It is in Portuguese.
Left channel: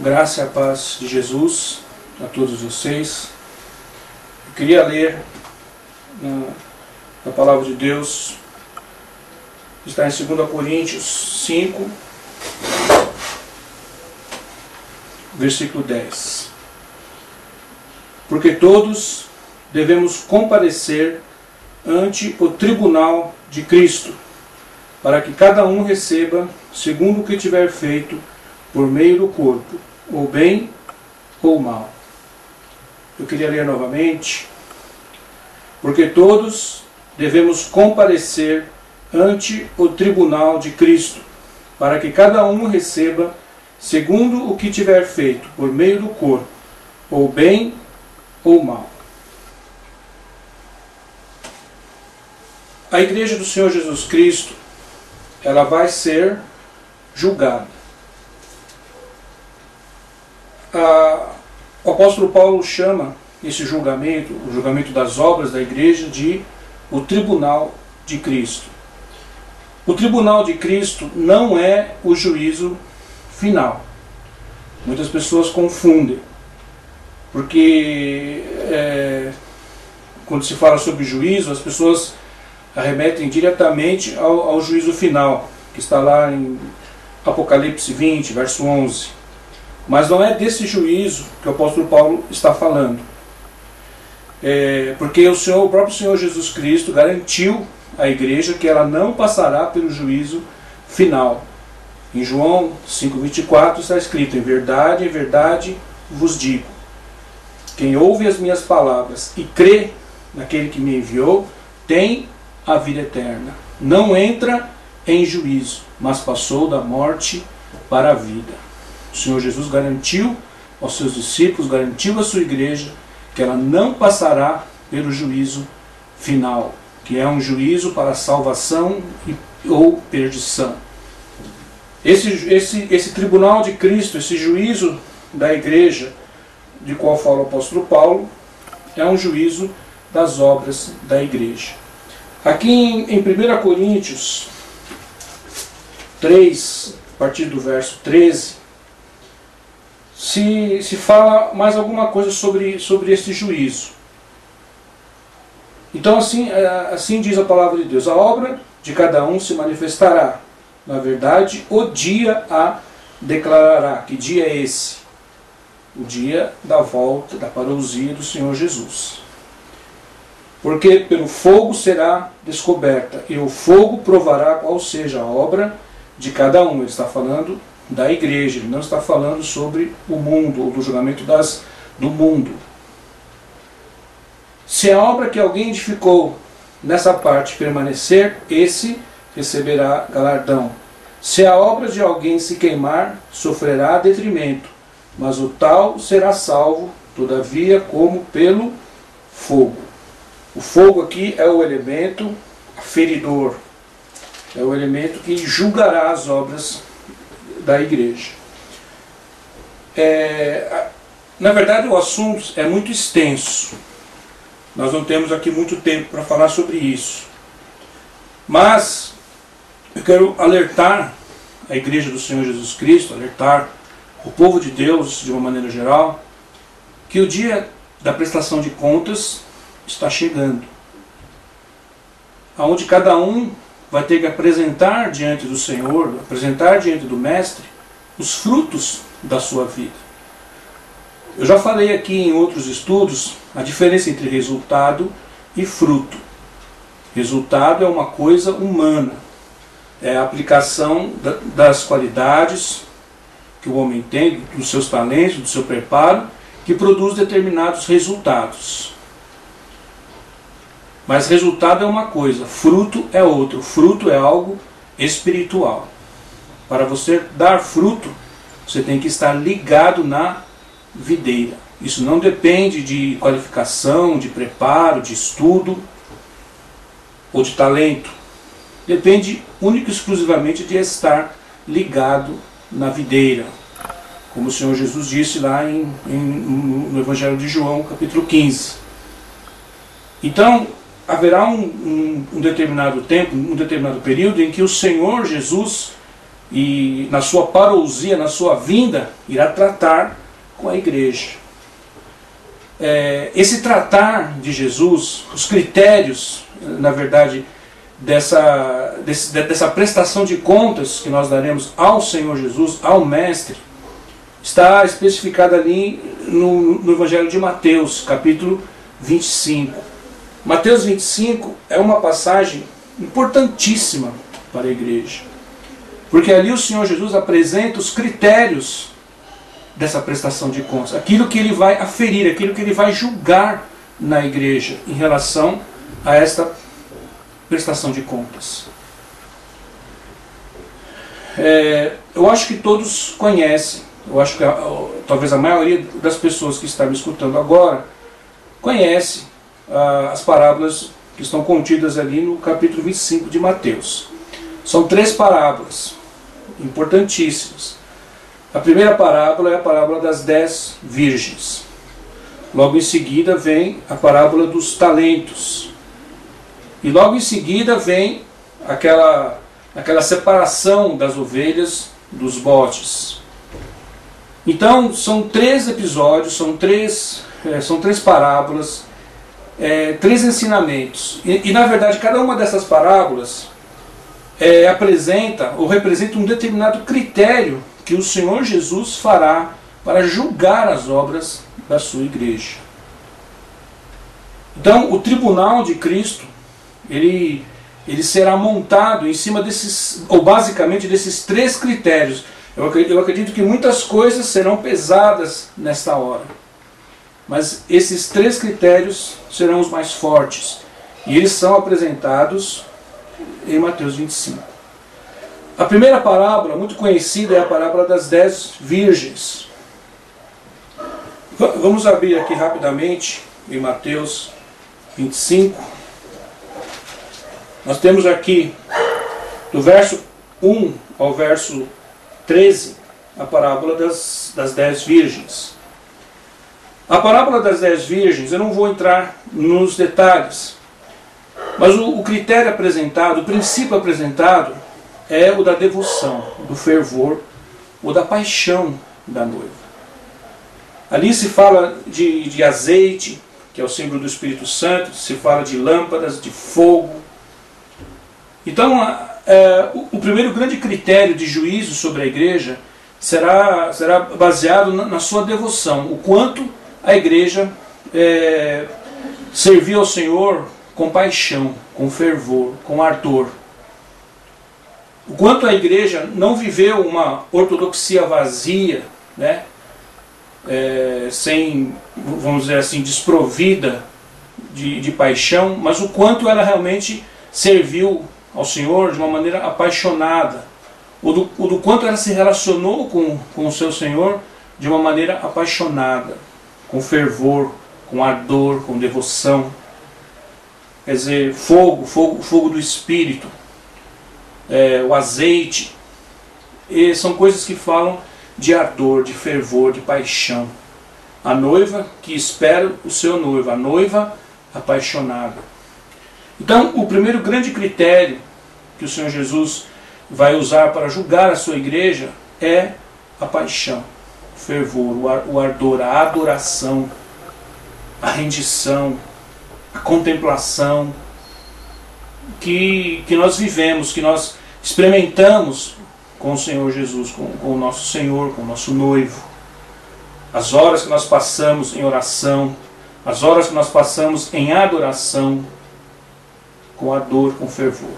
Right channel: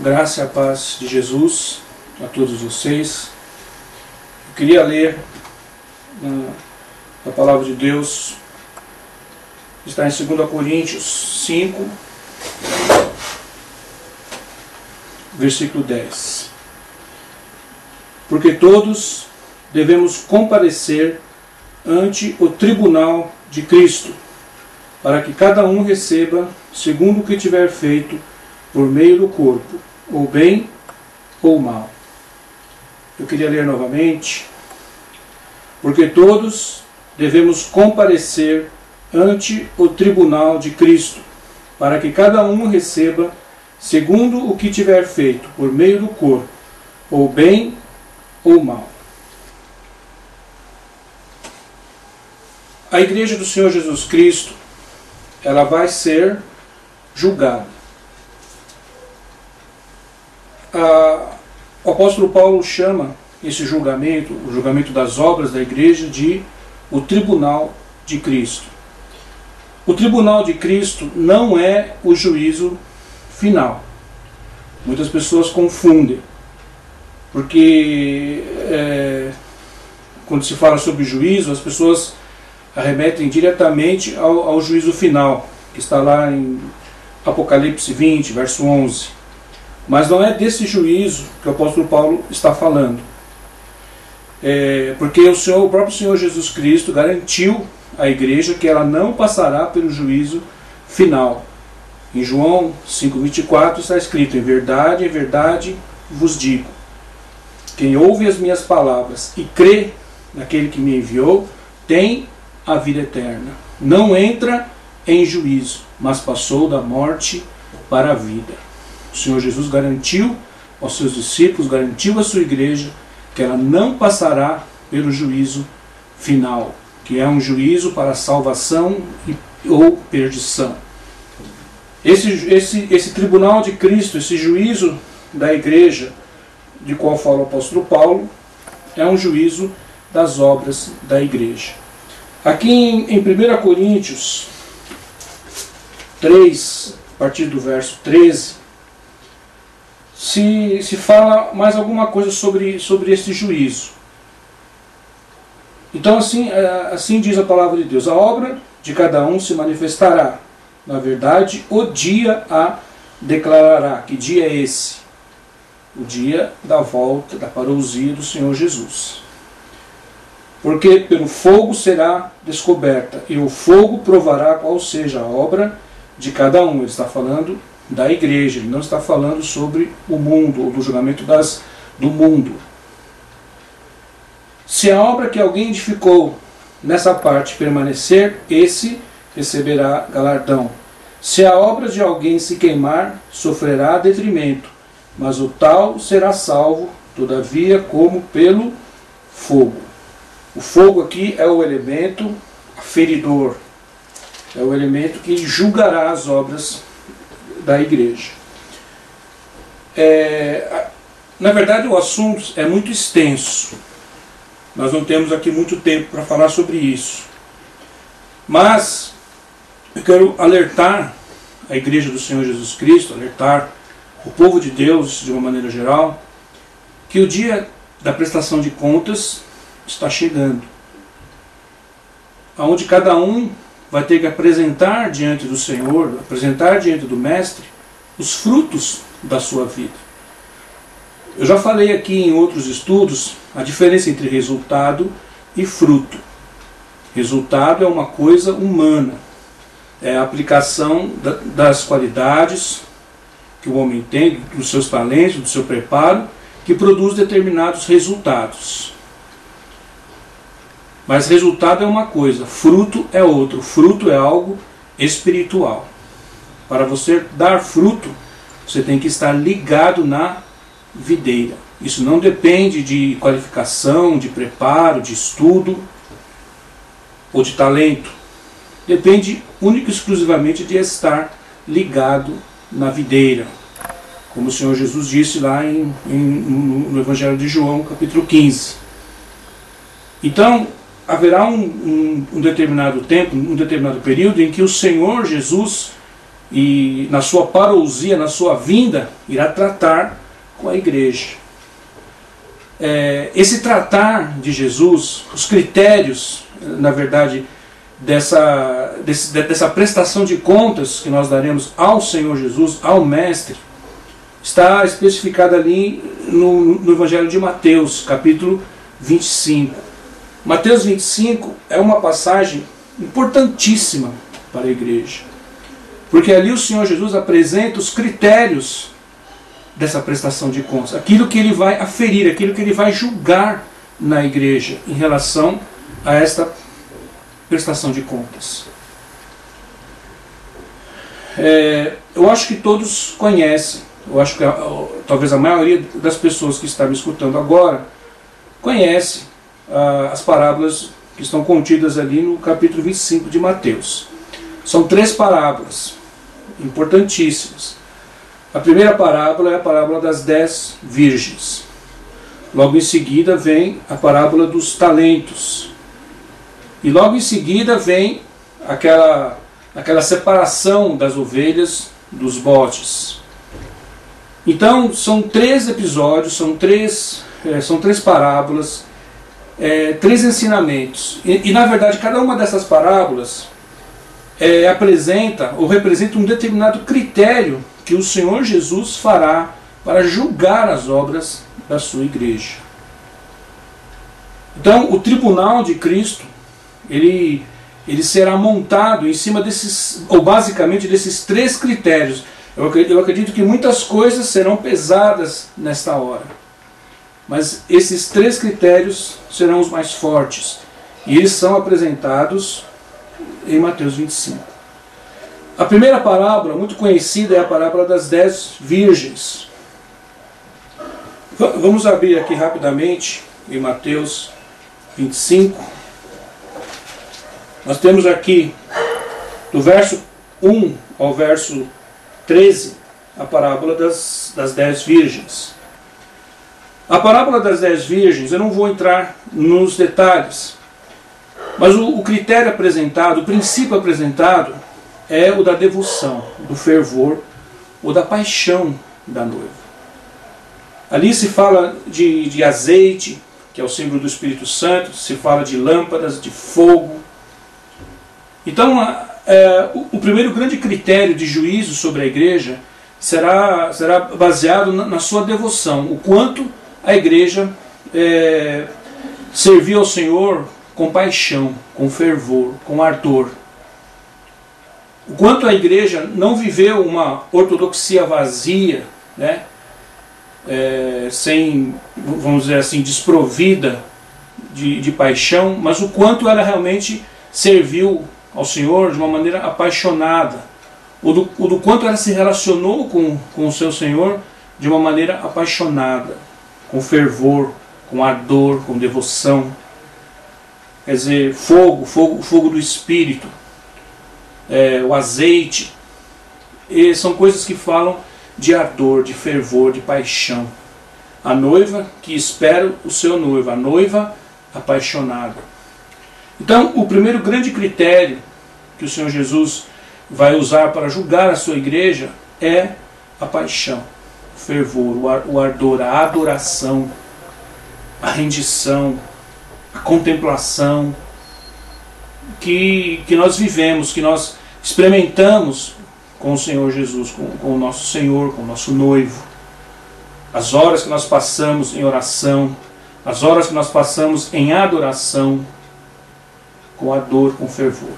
Graça e a paz de Jesus a todos vocês. Eu queria ler a palavra de Deus, está em 2 Coríntios 5, versículo 10. Porque todos devemos comparecer ante o tribunal de Cristo, para que cada um receba segundo o que tiver feito por meio do corpo, ou bem ou mal. Eu queria ler novamente. Porque todos devemos comparecer ante o tribunal de Cristo, para que cada um receba segundo o que tiver feito por meio do corpo, ou bem ou mal. A igreja do Senhor Jesus Cristo, ela vai ser julgada. O apóstolo Paulo chama esse julgamento, o julgamento das obras da igreja, de o tribunal de Cristo. O tribunal de Cristo não é o juízo final. Muitas pessoas confundem, porque quando se fala sobre juízo, as pessoas arremetem diretamente ao juízo final, que está lá em Apocalipse 20, verso 11. Mas não é desse juízo que o apóstolo Paulo está falando. Porque o próprio Senhor Jesus Cristo garantiu à igreja que ela não passará pelo juízo final. Em João 5,24 está escrito: em verdade vos digo, quem ouve as minhas palavras e crê naquele que me enviou, tem a vida eterna. Não entra em juízo, mas passou da morte para a vida. O Senhor Jesus garantiu aos seus discípulos, garantiu à sua igreja, que ela não passará pelo juízo final, que é um juízo para salvação ou perdição. Esse tribunal de Cristo, esse juízo da igreja, de qual fala o apóstolo Paulo, é um juízo das obras da igreja. Aqui em 1 Coríntios 3, a partir do verso 13, se fala mais alguma coisa sobre esse juízo. Então assim diz a palavra de Deus: a obra de cada um se manifestará, na verdade o dia a declarará. Que dia é esse? O dia da volta, da parousia do Senhor Jesus. Porque pelo fogo será descoberta, e o fogo provará qual seja a obra de cada um. Ele está falando da igreja, ele não está falando sobre o mundo, ou do julgamento do mundo. Se a obra que alguém edificou nessa parte permanecer, esse receberá galardão. Se a obra de alguém se queimar, sofrerá detrimento, mas o tal será salvo, todavia, como pelo fogo. O fogo aqui é o elemento aferidor, é o elemento que julgará as obras da igreja. Na verdade, o assunto é muito extenso. Nós não temos aqui muito tempo para falar sobre isso. Mas eu quero alertar a igreja do Senhor Jesus Cristo, alertar o povo de Deus de uma maneira geral, que o dia da prestação de contas está chegando, onde cada um vai ter que apresentar diante do Senhor, apresentar diante do Mestre, os frutos da sua vida. Eu já falei aqui em outros estudos a diferença entre resultado e fruto. Resultado é uma coisa humana, é a aplicação das qualidades que o homem tem, dos seus talentos, do seu preparo, que produz determinados resultados. Mas resultado é uma coisa, fruto é outro. Fruto é algo espiritual. Para você dar fruto, você tem que estar ligado na videira. Isso não depende de qualificação, de preparo, de estudo ou de talento. Depende única e exclusivamente de estar ligado na videira. Como o Senhor Jesus disse lá no Evangelho de João, capítulo 15. Então, haverá um determinado tempo, um determinado período em que o Senhor Jesus e na sua parousia, na sua vinda, irá tratar com a igreja. Esse tratar de Jesus, os critérios, na verdade, dessa prestação de contas que nós daremos ao Senhor Jesus, ao Mestre, está especificado ali no Evangelho de Mateus, capítulo 25. Mateus 25 é uma passagem importantíssima para a igreja, porque ali o Senhor Jesus apresenta os critérios dessa prestação de contas, aquilo que ele vai aferir, aquilo que ele vai julgar na igreja em relação a esta prestação de contas. Eu acho que todos conhecem, eu acho que talvez a maioria das pessoas que estão me escutando agora conhece as parábolas que estão contidas ali no capítulo 25 de Mateus. São 3 parábolas importantíssimas. A primeira parábola é a parábola das 10 virgens. Logo em seguida vem a parábola dos talentos. E logo em seguida vem aquela separação das ovelhas dos bodes. Então são 3 episódios, são três parábolas, 3 ensinamentos. E na verdade cada uma dessas parábolas apresenta ou representa um determinado critério que o Senhor Jesus fará para julgar as obras da sua igreja. Então o tribunal de Cristo, ele será montado em cima desses, ou basicamente desses 3 critérios. Eu acredito que muitas coisas serão pesadas nesta hora, mas esses 3 critérios serão os mais fortes, e eles são apresentados em Mateus 25. A primeira parábola, muito conhecida, é a parábola das 10 virgens. Vamos abrir aqui rapidamente em Mateus 25. Nós temos aqui, do verso 1 ao verso 13, a parábola das 10 virgens. A parábola das 10 virgens, eu não vou entrar nos detalhes, mas o critério apresentado, o princípio apresentado, é o da devoção, do fervor ou da paixão da noiva. Ali se fala de azeite, que é o símbolo do Espírito Santo, se fala de lâmpadas, de fogo. Então, o primeiro grande critério de juízo sobre a igreja será baseado na sua devoção, o quanto a igreja serviu ao Senhor com paixão, com fervor, com ardor. O quanto a igreja não viveu uma ortodoxia vazia, né? Sem, vamos dizer assim, desprovida de paixão, mas o quanto ela realmente serviu ao Senhor de uma maneira apaixonada, o do quanto ela se relacionou com o seu Senhor de uma maneira apaixonada, com fervor, com ardor, com devoção. Quer dizer, fogo do Espírito, o azeite, são coisas que falam de ardor, de fervor, de paixão. A noiva que espera o seu noivo, a noiva apaixonada. Então, o primeiro grande critério que o Senhor Jesus vai usar para julgar a sua igreja é a paixão, o fervor, o ardor, a adoração, a rendição, a contemplação que nós vivemos, que nós experimentamos com o Senhor Jesus, com o nosso Senhor, com o nosso noivo. As horas que nós passamos em oração, as horas que nós passamos em adoração, com ardor, com fervor.